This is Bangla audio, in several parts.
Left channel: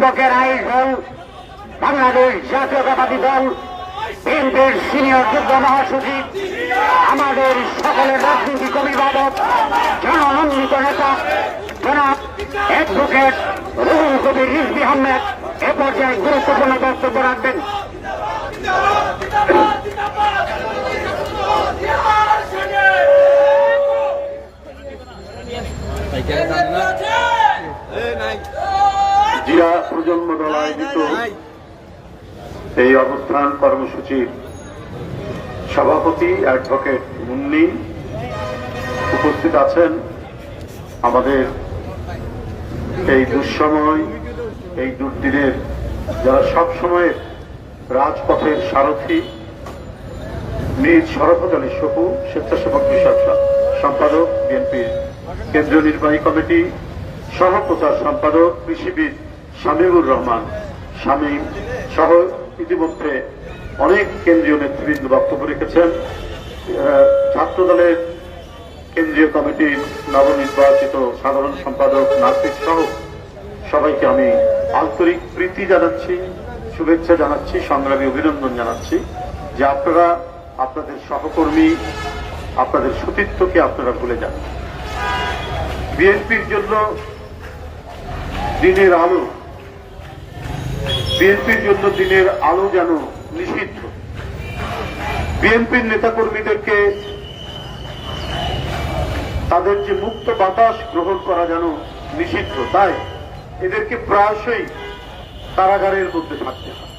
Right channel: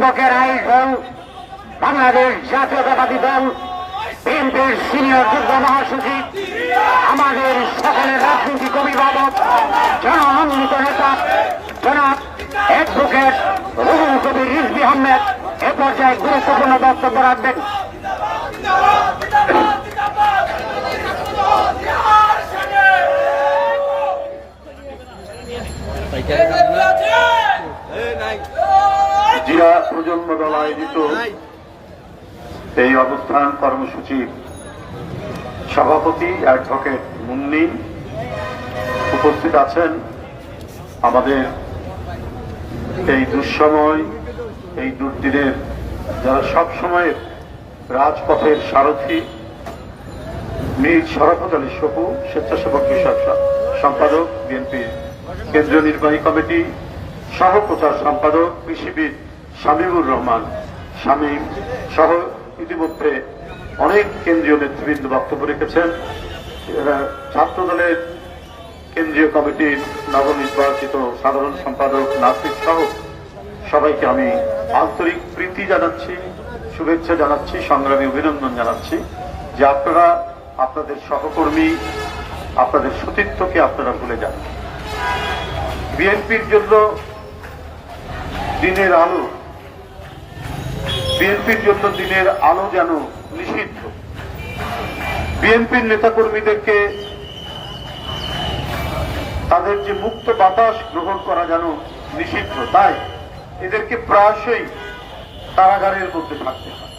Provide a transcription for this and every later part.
যুবকের আয়োজন বাংলাদেশ জাতীয়তাবাদী দল, বিএনপির সিনিয়র যুগ্ম মহাসচিব, আমাদের সকলের রাজনৈতিক অভিভাবক জনমন্ডিত নেতা জনাব অ্যাডভোকেট রুহুল কবির রিজভি আহমেদ এ পর্যায়ে গুরুত্বপূর্ণ বক্তব্য রাখবেন। জিয়া প্রজন্ম দল আয়োজিত এই অনুষ্ঠান কর্মসূচির সভাপতি অ্যাডভোকেট মুন্নিন উপস্থিত আছেন। আমাদের এই দুঃসময় এই দুর্দিনের যারা সবসময় রাজপথের সারথী মীর শরফত আলী সপু স্বেচ্ছাসেবক বিষয়ক সম্পাদক বিএনপির কেন্দ্রীয় নির্বাহী কমিটি সহ প্রচার সম্পাদক কৃষিবিদ শামীমুর রহমান শামীম সহ ইতিমধ্যে অনেক কেন্দ্রীয় নেতৃবৃন্দ বক্তব্য রেখেছেন। আহ, ছাত্র দলের কেন্দ্রীয় কমিটির নবনির্বাচিত সাধারণ সম্পাদক নাসির সহ সবাইকে আমি আন্তরিক প্রীতি জানাচ্ছি শুভেচ্ছা জানাচ্ছি সংগ্রামী অভিনন্দন জানাচ্ছি যে আপনারা আপনাদের সহকর্মী আপনাদের সতীর্থকে আপনারা ভুলে যান। বিএনপির জন্য দিনের আলো বিএনপির জন্য দিনের আলো যেন নিষিদ্ধ। বিএনপির নেতাকর্মীদেরকে তাদের যে মুক্ত বাতাস গ্রহণ করা যেন নিষিদ্ধ, তাই এদেরকে প্রায়শই কারাগারের মধ্যে থাকতে হয়।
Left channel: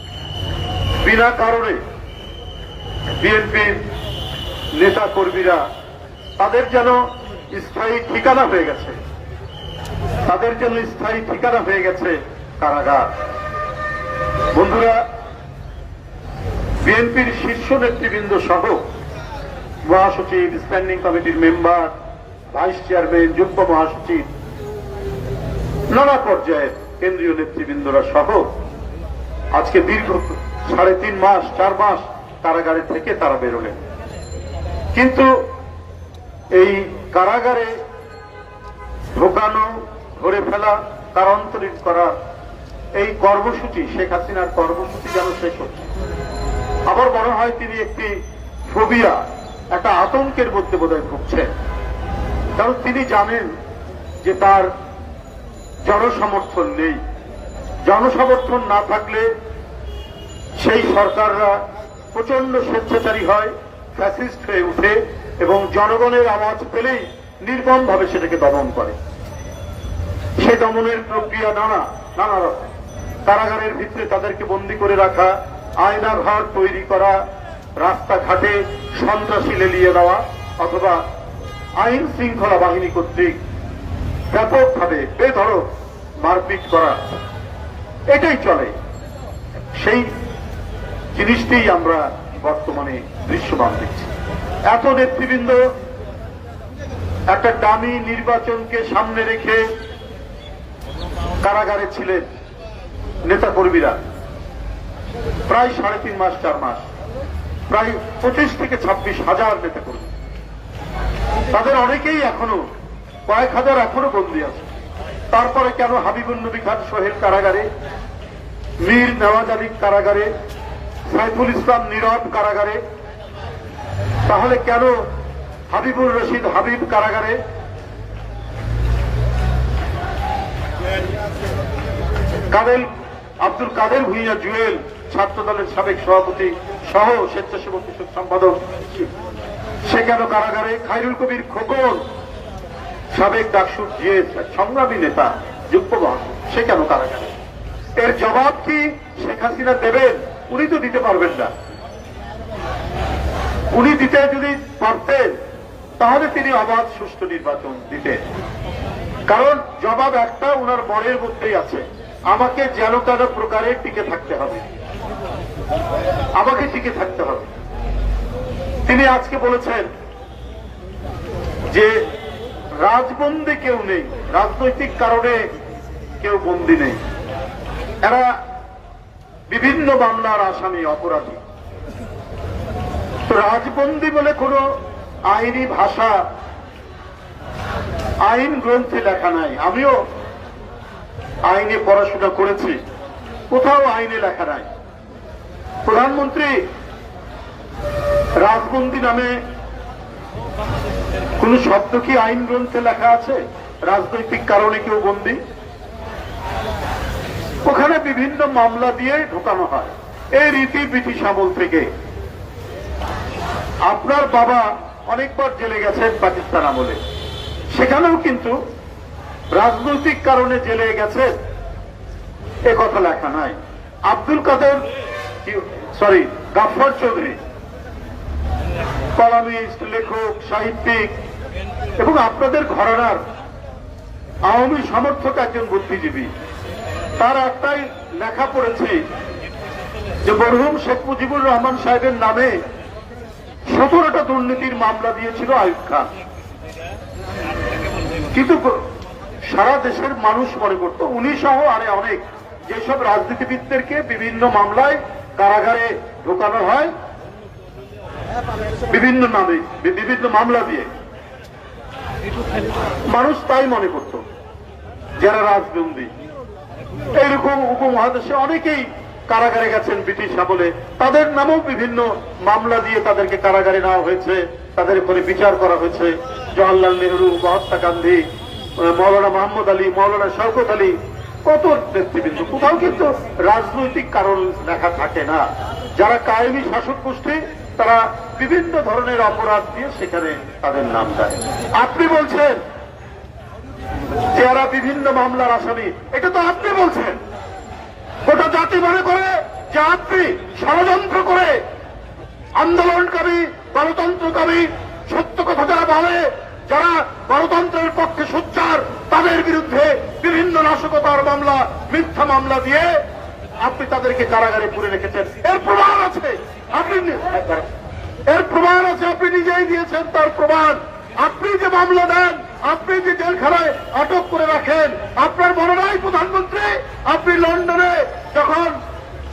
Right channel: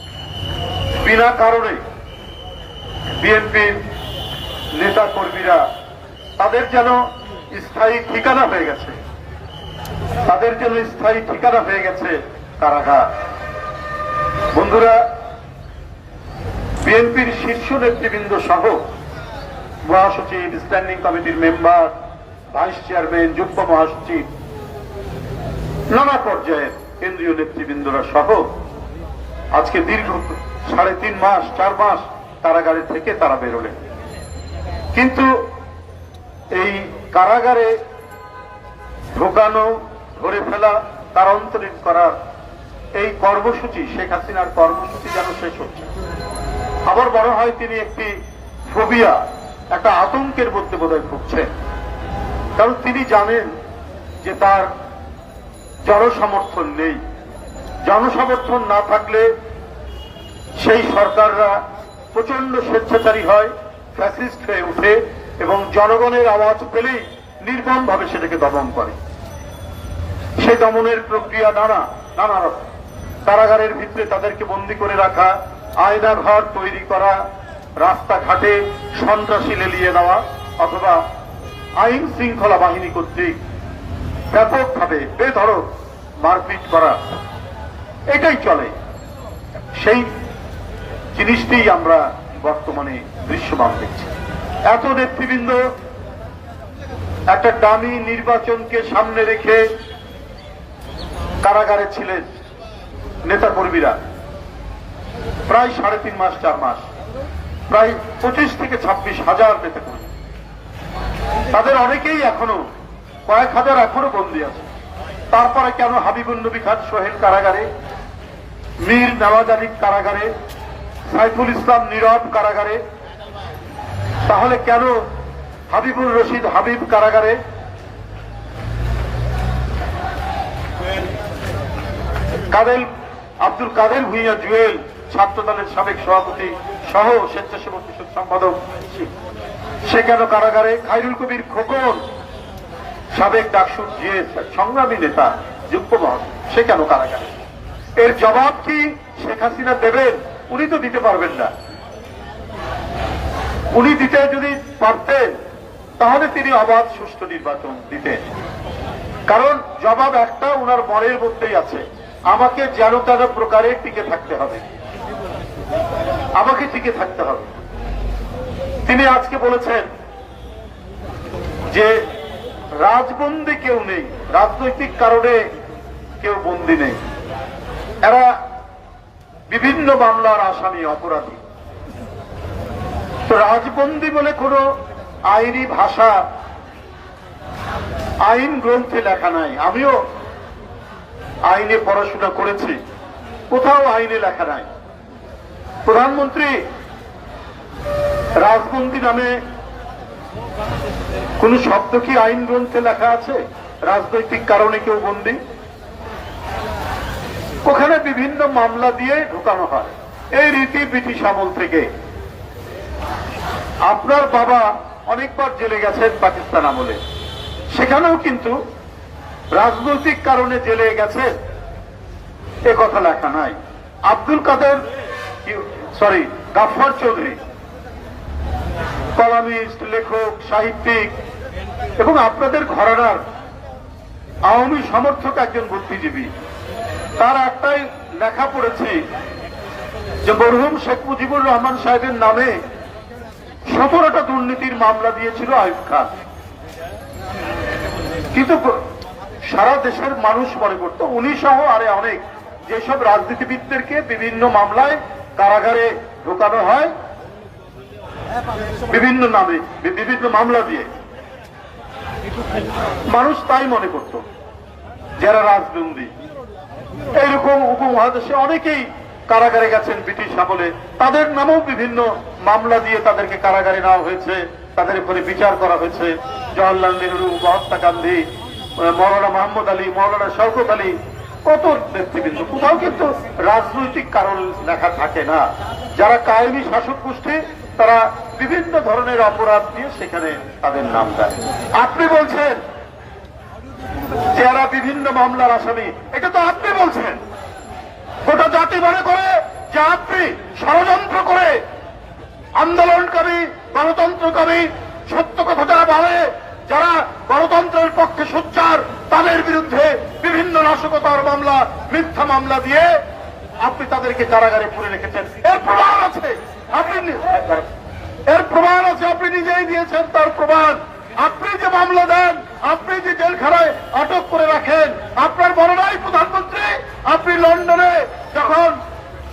বিনা কারণে বিএনপি নেতা কর্মীরা তাদের যেন স্থায়ী ঠিকানা হয়ে গেছে, তাদের জন্য স্থায়ী ঠিকানা হয়ে গেছে কারাগার। বন্ধুরা, বিএনপির শীর্ষ নেতৃবৃন্দ সহ মহাসচিব, স্ট্যান্ডিং কমিটির মেম্বার, ভাইস চেয়ারম্যান, যুগ্ম মহাসচিব, নানা পর্যায়ের কেন্দ্রীয় নেতৃবৃন্দরা সহ আজকে দীর্ঘ সাড়ে তিন মাস, চার মাস কারাগারে থেকে তারা বেরোলেন। কিন্তু এই কারাগারে ঢোকানো, ধরে ফেলা তারান্তরিত করা এই কর্মসূচি, শেখ হাসিনার কর্মসূচি যেন শেষ হচ্ছে আবার মনে হয় তিনি একটি ফোবিয়া একটা আতঙ্কের মধ্যে বোধহয় ভুগছেন। কারণ তিনি জানেন যে তার জনসমর্থন নেই। জনসমর্থন না থাকলে সেই সরকাররা প্রচণ্ড স্বেচ্ছাচারী হয় ফ্যাসিস্ট হয়ে উঠে এবং জনগণের আওয়াজ পেলেই নির্মমভাবে সেটাকে দমন করে। সে দমনের প্রক্রিয়া নানা নানা রকম। কারাগারের ভিতরে তাদেরকে বন্দী করে রাখা আয়না ঘর তৈরি করা, রাস্তাঘাটে সন্ত্রাসী লেলিয়ে নেওয়া অথবা আইন শৃঙ্খলা বাহিনী কর্তৃক ব্যাপকভাবে বেধরক মারপিট করা। এটাই চলে। সেই জিনিসটাই আমরা বর্তমানে দৃশ্যমান দেখছি। এত নেতৃবৃন্দ একটা দামি নির্বাচনকে সামনে রেখে কারাগারে ছিলেন। নেতা কর্মীরা প্রায় সাড়ে তিন মাস, চার মাস, প্রায় পঁচিশ থেকে ছাব্বিশ হাজার নেতা কর্মী তাদের অনেকেই এখনও, কয়েক হাজার এখনও বন্দী আছে। তারপরে কেন হাবিবুল নবী খান সোহেল কারাগারে, মীর নওয়াজ আলী কারাগারে, সাইফুল ইসলাম নীরব কারাগারে, তাহলে কেন হাবিবুর রশিদ হাবিব কারাগারে? কাদের আব্দুল কাদের ভুইয়া জুয়েল ছাত্র দলের সাবেক সভাপতি সহ স্বেচ্ছাসেবক সম্পাদক সে কেন কারাগারে খাইরুল কবির খোকন, সাবেক ডাকসুর যে সংগ্রামী নেতা যুক্ত সে কেন কারাগারে। এর জবাব কি শেখ হাসিনা দেবেন? উনি তো দিতে পারবেন না। উনি দিতে যদি পারতেন, তাহলে তিনি অবাধ সুষ্ঠু নির্বাচন দিতেন। কারণ জবাব একটা ওনার বরের মধ্যেই আছে। আমাকে যেন তেন প্রকারে টিকে থাকতে হবে। আমাকে টিকে থাকতে হবে। তিনি আজকে বলেছেন যে রাজবন্দি কেউ নেই, রাজনৈতিক কারণে কেউ বন্দী নেই। এরা বিভিন্ন মামলার আসামি, অপরাধী। তো রাজবন্দি বলে কোন আইনি ভাষা, আইন গ্রন্থে লেখা নাই। আমিও আইনে পড়াশোনা করেছি। কোথাও আইনে লেখা নাই। প্রধানমন্ত্রী রাজবন্দী নামে কোন শব্দ কি আইন গ্রন্থে লেখা আছে? রাজনৈতিক কারণে কেউ বন্দী? ওখানে বিভিন্ন মামলা দিয়ে ঢোকানো হয়। এই রীতি ব্রিটিশ আমল থেকে। আপনার বাবা অনেকবার জেলে গেছেন পাকিস্তান আমলে। সেখানেও কিন্তু রাজনৈতিক কারণে জেলে গেছে। এ কথা লেখা নাই। আব্দুল কাদের সরি গাফর চৌধুরী। কলামিস্ট, লেখক, সাহিত্যিক এবং আপনাদের ঘরানার আওয়ামী সমর্থক একজন বুদ্ধিজীবী। তার একটাই লেখা পড়েছি যে মরহুম শেখ মুজিবুর রহমান সাহেবের নামে সতেরোটা দুর্নীতির মামলা দিয়েছিল আয়ুব খান কিন্তু সারা দেশের মানুষ মনে করত। উনি সহ আরে অনেক যেসব রাজনীতিবিদদেরকে বিভিন্ন মামলায় কারাগারে ঢোকানো হয়, বিভিন্ন নামে, বিভিন্ন মামলা দিয়ে। মানুষ তাই মনে করত, যারা রাজবন্দী। এইরকম উপমহাদেশে অনেকেই কারাগারে গেছেন ব্রিটিশ আমলে। তাদের নামেও বিভিন্ন মামলা দিয়ে তাদেরকে কারাগারে নেওয়া হয়েছে, তাদের উপরে বিচার করা হয়েছে। জওয়াহরলাল নেহরু মহাত্মা গান্ধী মৌলানা মোহাম্মদ আলী, মৌলানা শওকত আলী, কত নেতৃবৃন্দ কোথাও কিন্তু রাজনৈতিক কারণ লেখা থাকে না। যারা কায়েমি শাসক গোষ্ঠী, তারা বিভিন্ন ধরনের অপরাধ দিয়ে সেখানে তাদের নাম দেয়। আপনি বলছেন যে এরা বিভিন্ন মামলার আসামি, এটা তো আপনি বলছেন। গোটা জাতি মনে করে যে আপনি ষড়যন্ত্র করে আন্দোলনকারী, গণতন্ত্রকারী, সত্য কথা যারা বলে যারা গণতন্ত্রের পক্ষে সোচ্চার, তাদের বিরুদ্ধে বিভিন্ন নাশকতার মামলা, মিথ্যা মামলা দিয়ে আপনি তাদেরকে কারাগারে পুরে রেখেছেন এর প্রমাণ আছে, আপনি এর প্রমাণ আছে, আপনি নিজেই দিয়েছেন তার প্রমাণ। আপনি যে মামলা দেন, আপনি যে জেলখানায় আটক করে রাখেন, আপনার বড় নাই প্রধানমন্ত্রী, আপনি লন্ডনে যখন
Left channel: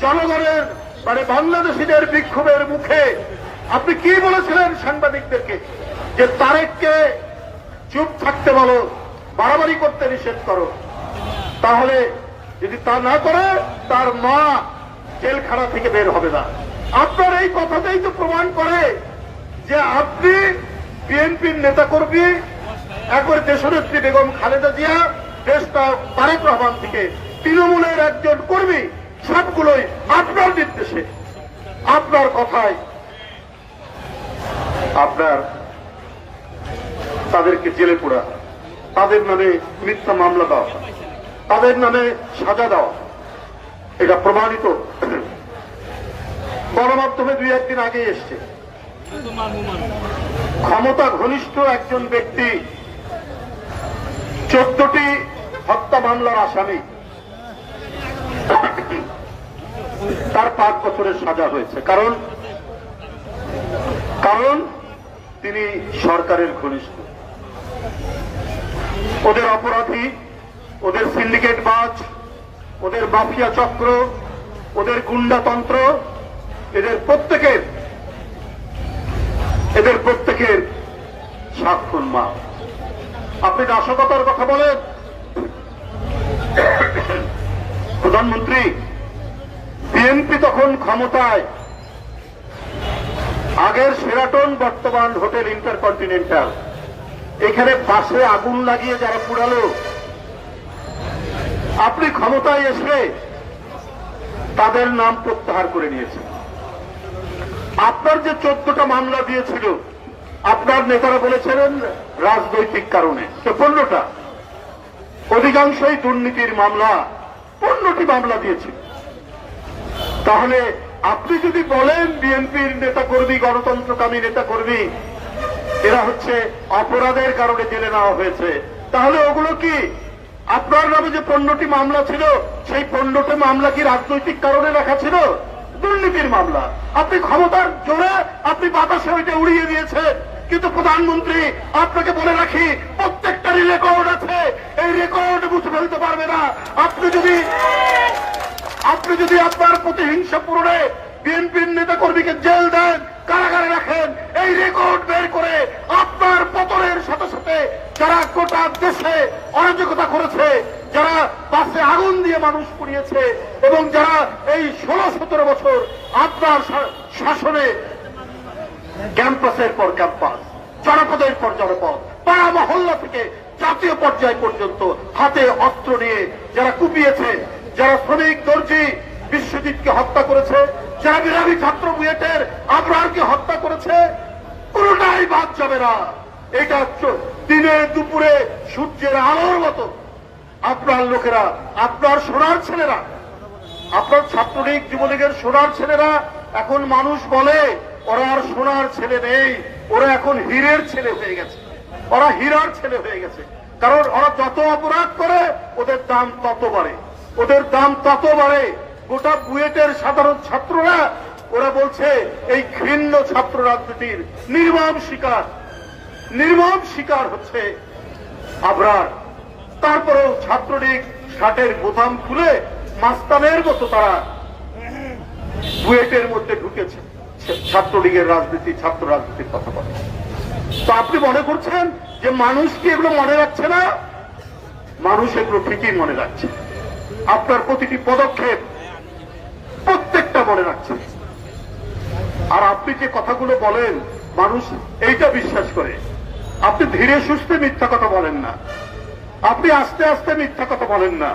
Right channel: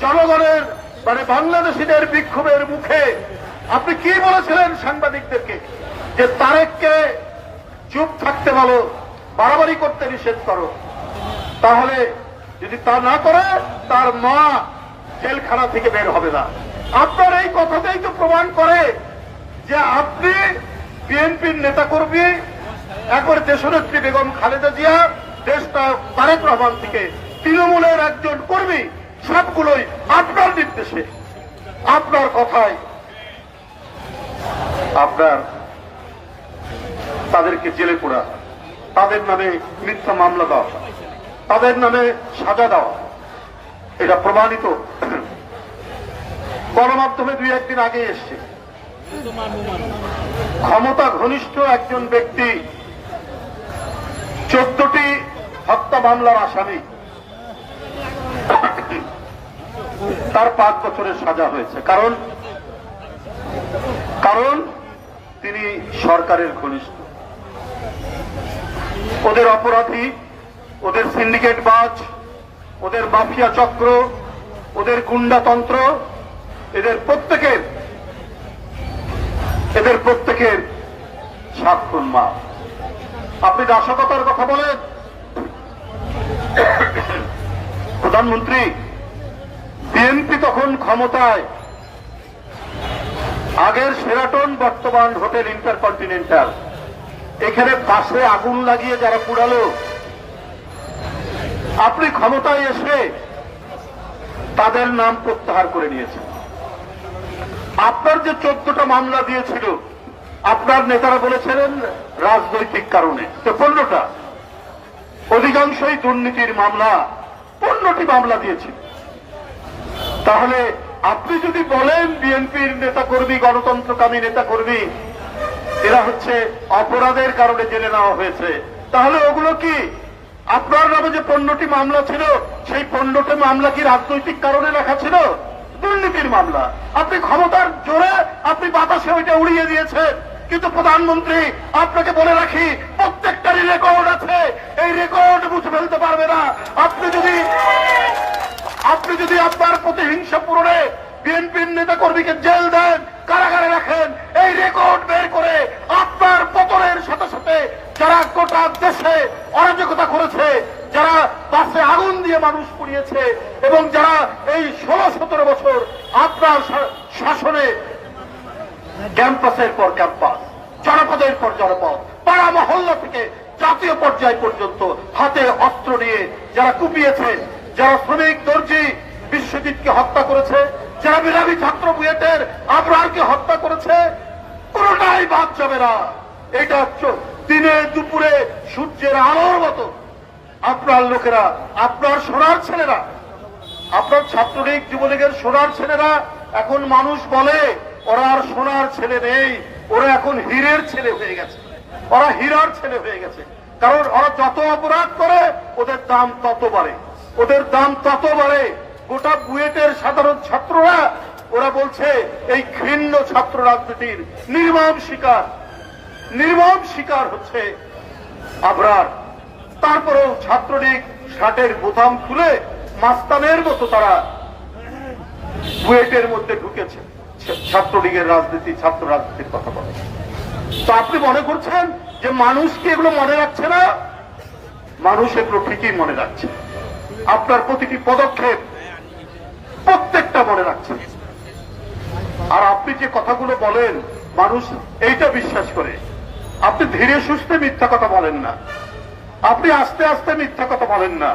জনগণের মানে বাংলাদেশিদের বিক্ষোভের মুখে, আপনি কি বলেছিলেন সাংবাদিকদেরকে? যে তারেককে চুপ থাকতে বলো, বাড়াবাড়ি করতে নিষেধ করো, তাহলে যদি তা না করে, তার মা জেলখানা থেকে বের হবে না। আপনার এই কথাটাই তো প্রমাণ করে যে আপনি বিএনপির নেতা কর্মী এখন দেশনেত্রী বেগম খালেদা জিয়া দেশটা তারেক রহমান থেকে তৃণমূলের একজন কর্মী, সবগুলোই আপনার নির্দেশে। আপনার কথায় আপনার তাদেরকে জেলে পোড়া। তাদের নামে মিথ্যা মামলা দেওয়া তাদের নামে সাজা দেওয়া এটা প্রমাণিত। গণমাধ্যমে দুই একদিন আগে এসছে। ক্ষমতা ঘনিষ্ঠ একজন ব্যক্তি, চোদ্দটি হত্যা মামলার আসামি। তার পাঁচ বছরের সাজা হয়েছে। কারণ কারণ তিনি সরকারের ঘনিষ্ঠ। ওদের অপরাধী, ওদের সিন্ডিকেট বাজ, ওদের মাফিয়া চক্র, ওদের গুন্ডাতন্ত্র এদের প্রত্যেকের এদের প্রত্যেকের সাক্ষণ মা আপনি দাসকতার কথা বলেন। প্রধানমন্ত্রী, বিএনপি তখন ক্ষমতায়। আগের সেরাটন বর্তমান হোটেল ইন্টারকন্টিনেন্টাল এখানে পাশে আগুন লাগিয়ে যারা পুরালো আপনি ক্ষমতায় এসে তাদের নাম প্রত্যাহার করে নিয়েছেন। আপনার যে চোদ্দটা মামলা দিয়েছিল, আপনার নেতারা বলেছিলেন রাজনৈতিক কারণে। তো পনেরোটা। অধিকাংশই দুর্নীতির মামলা, পনেরোটি মামলা দিয়েছি। তাহলে আপনি যদি বলেন বিএনপির নেতা কর্মী গণতন্ত্রকামী নেতা কর্মী এরা হচ্ছে অপরাধের কারণে জেলে নেওয়া হয়েছে। তাহলে ওগুলো কি? আপনার নামে যে পণ্যটি মামলা ছিল, সেই পণ্যটি মামলা কি রাজনৈতিক কারণে লেখা ছিল? দুর্নীতির মামলা। আপনি ক্ষমতার জোরে, আপনি বাতাসে ওইটা উড়িয়ে দিয়েছেন। কিন্তু প্রধানমন্ত্রী, আপনাকে বলে রাখি, প্রত্যেকটারই রেকর্ড আছে। এই রেকর্ড মুছে ফেলতে পারবে না। আপনি যদি আপনি যদি আপনার প্রতিহিংসা পূরণে বিএনপির নেতা কর্মীকে জেল দেন, কারাগারে রাখেন। এই রেকর্ড বের করে আপনার পতনের সাথে সাথে যারা গোটা দেশে অরাজকতা করেছে, যারা বাসে আগুন দিয়ে মানুষ পুড়িয়েছে এবং যারা এই ষোলো সতেরো বছর আপনার শাসনে ক্যাম্পাসের পর ক্যাম্পাস, জনপদের পর জনপদ, পাড়া মহল্লা থেকে জাতীয় পর্যায় পর্যন্ত হাতে অস্ত্র নিয়ে যারা কুপিয়েছে, যারা শ্রমিক দর্জি বিশ্বজিৎকে হত্যা করেছে যারা বিরামী ছাত্র বুয়েটের আবরারকে হত্যা করেছে কোনটাই বাদ যাবে না। এটা চ- দিনে দুপুরে সূর্যের আলোর মতো। আপনার লোকেরা, আপনার সোনার ছেলেরা, আপনার ছাত্রলীগ, যুবলীগের সোনার ছেলেরা, এখন মানুষ বলে, ওরা আর সোনার ছেলে নেই, ওরা এখন হীরের ছেলে হয়ে গেছে। ওরা হীরার ছেলে হয়ে গেছে। কারণ ওরা যত অপরাধ করে, ওদের দাম তত বাড়ে। ওদের দাম তত বাড়ে। গোটা বুয়েটের সাধারণ ছাত্ররা, ওরা বলছে, এই ঘৃণ্য ছাত্র রাজনীতির নির্মম শিকার। নির্মম শিকার হচ্ছে আবরার। তারপরেও ছাত্রলীগ ষাটের বোতাম খুলে মাস্তানের মতো তারা বুয়েটের মধ্যে ঢুকেছে। ছাত্রলীগের রাজনীতি, ছাত্র রাজনীতির কথা বলে। তো আপনি মনে করছেন যে মানুষ কি এগুলো মনে রাখছে না? মানুষ এগুলো ঠিকই মনে রাখছে। আপনার প্রতিটি পদক্ষেপ প্রত্যেকটা মনে রাখছে আর আপনি যে কথাগুলো বলেন, মানুষ এইটা বিশ্বাস করে। আপনি ধীরে সুস্থে মিথ্যা কথা বলেন না। আপনি আস্তে আস্তে মিথ্যা কথা বলেন না।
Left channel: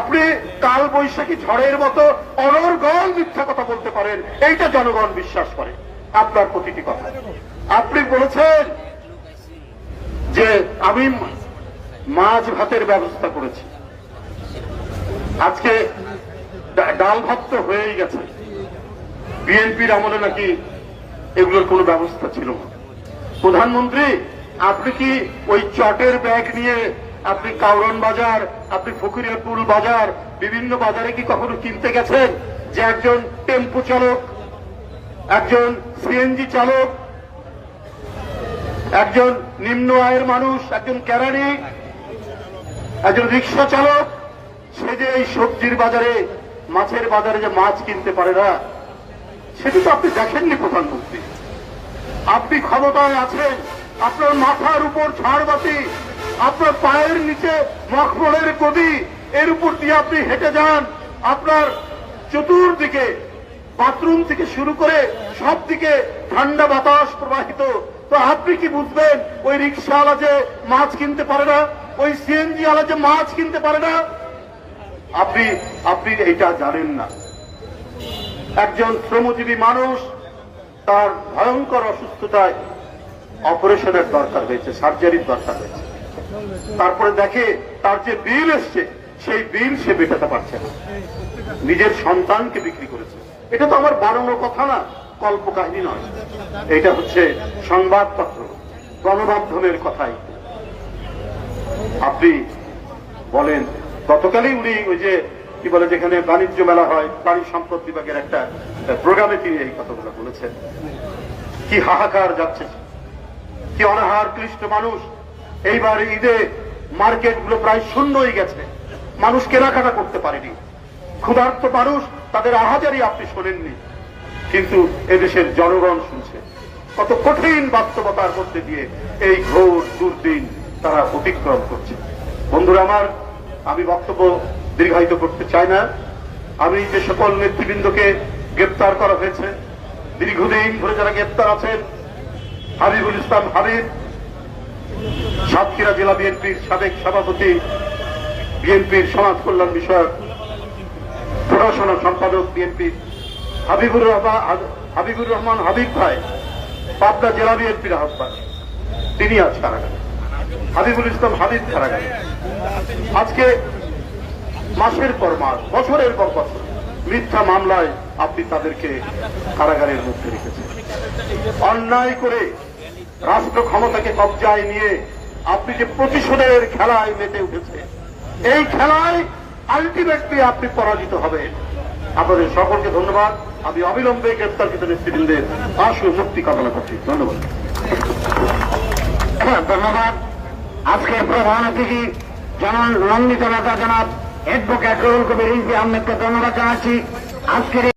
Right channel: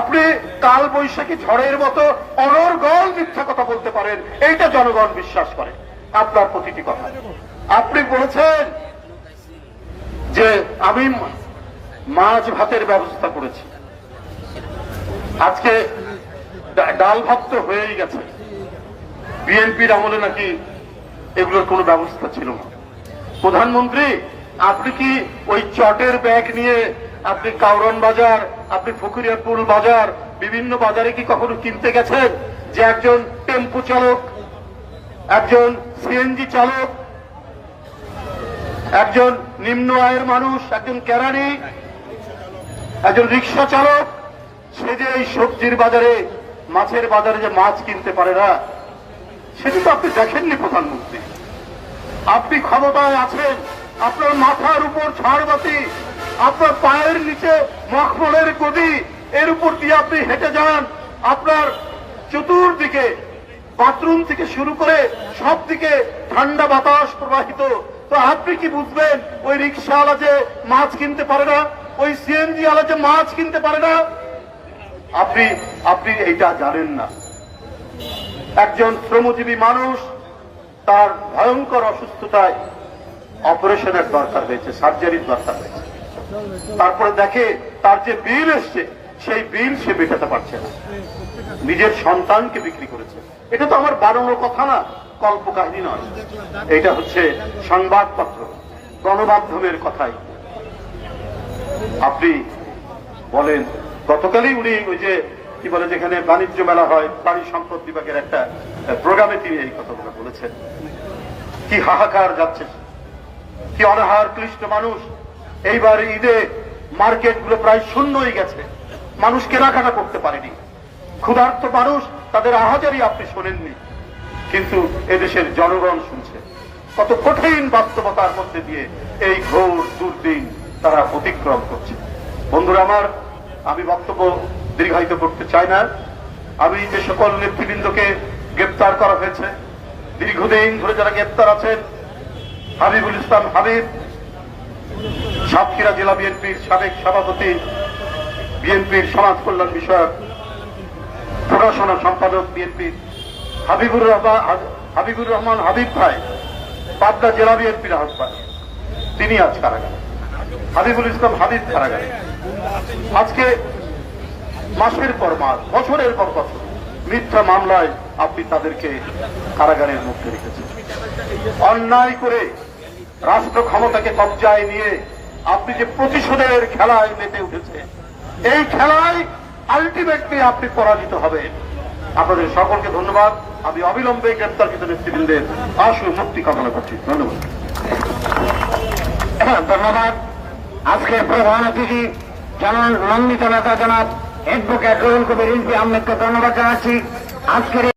আপনি কাল বৈশাখী ঝড়ের মতো অনর্গল মিথ্যা কথা বলতে পারেন, এইটা জনগণ বিশ্বাস করে। আপনার প্রতিটি কথা। আপনি বলেছেন যে আমি মাছ ভাতের ব্যবস্থা করেছি। আজকে ডাল ভাত তো হয়েই গেছে। বিএনপির আমলে নাকি এগুলোর কোনো ব্যবস্থা ছিল প্রধানমন্ত্রী, আপনি কি ওই চটের ব্যাগ নিয়ে আপনি কাউরন বাজার, আপনি ফকিরিয়াপুর বাজার, বিভিন্ন বাজারে কি কখনো কিনতে গেছেন? যে একজন টেম্পো চালক, একজন সিএনজি চালক, একজন নিম্ন আয়ের মানুষ, একজন ক্যারানি একজন রিক্সা চালক, সে যে এই সবজির বাজারে মাছের বাজারে যে মাছ কিনতে পারে না, সেটি তো আপনি দেখেননি প্রধানমন্ত্রী। আপনি ক্ষমতায় আছেন, আপনার মাথার উপর ঝাড়বাতি আপনার পায়ের নিচে মখমলের গদি, এর উপর দিয়ে আপনি হেঁটে যান, আপনার চতুর্দিকে বাথরুম থেকে শুরু করে সব দিকে ঠান্ডা বাতাস প্রবাহিত। তো আপনি কি বুঝবেন, ওই রিক্সাওয়ালা যে মাছ কিনতে পারে না, ওই সিএনজি ওয়ালা যে মাছ কিনতে পারে না আপনি আপনি এইটা জানেন না। একজন শ্রমজীবী মানুষ, তার ভয়ঙ্কর অসুস্থতায় অপারেশনের দরকার হয়েছে, সার্জারির দরকার হয়েছে। তারপরে দেখে তার যে বিল এসছে, সেই বিল সে মেটাতে পারছে না। নিজের সন্তানকে বিক্রি করেছে। এটা তো আমার বানানো কথা না, কল্পকাহিনী নয়। এটা হচ্ছে সংবাদপত্র, গণমাধ্যমের কথাই। আপনি বলেন গতকালই উনি ওই যে, কি বলে, যেখানে বাণিজ্য মেলা হয় প্রাণী সম্পদ বিভাগের একটা প্রোগ্রামে তিনি এই কথাগুলো বলেছেন। কি হাহাকার যাচ্ছে। কি অনাহার, ক্লিষ্ট মানুষ। এইবার ঈদে মার্কেটগুলো প্রায় শূন্যই গেছে। মানুষ কেনাকাটা করতে পারেনি। ক্ষুধার্ত মানুষ তাদের আহাজারি আপনি শোনেননি। কিন্তু এদেশের জনগণ শুনছে। কত কঠিন বাস্তবতার মধ্যে দিয়ে এই ঘোর দুর্দিন তারা অতিক্রম করছে। বন্ধুরা আমার আমি বক্তব্য দীর্ঘায়িত করতে চাই না। আমি যে সকল নেতৃবৃন্দকে গ্রেপ্তার করা হয়েছে। দীর্ঘদিন ধরে যারা গ্রেপ্তার আছেন, হাবিবুল ইসলাম হাবিব, সাতক্ষীরা জেলা বিএনপির সাবেক সভাপতি, বিএনপির সমাজ কল্যাণ বিষয়ক পড়াশোনা সম্পাদক বিএনপির হাবিবুর রহমান হাবিবুর রহমান হাবিব ভাই, পাবনা জেলা বিএনপির আহ্বান তিনি আজ গেছেন। হাবিবুল ইসলাম হাবিব মারা গেছেন। আজকে মাসের পর মাস, বছরের পর বছর মিথ্যা মামলায় আপনি তাদেরকে কারাগারের মুক্ত রেখেছেন। অন্যায় করে রাষ্ট্র ক্ষমতাকে কবজায় নিয়ে আপনি যে প্রতিশোধের খেলায় মেতে উঠেছে এই খেলায় আলটিমেটলি আপনি পরাজিত হবে আপনাদের সকলকে ধন্যবাদ। আমি অবিলম্বে গ্রেপ্তারকৃত নেতৃবৃন্দের আশু মুক্তি কামনা করছি। ধন্যবাদ। ধন্যবাদ। আজকের প্রধান অতিথি জানান মন্ডিত নেতা জনাব অ্যাডভোকেট রহুল কবির ইম্পি আহমেদকে ধন্যবাদ জানাচ্ছি। আজকের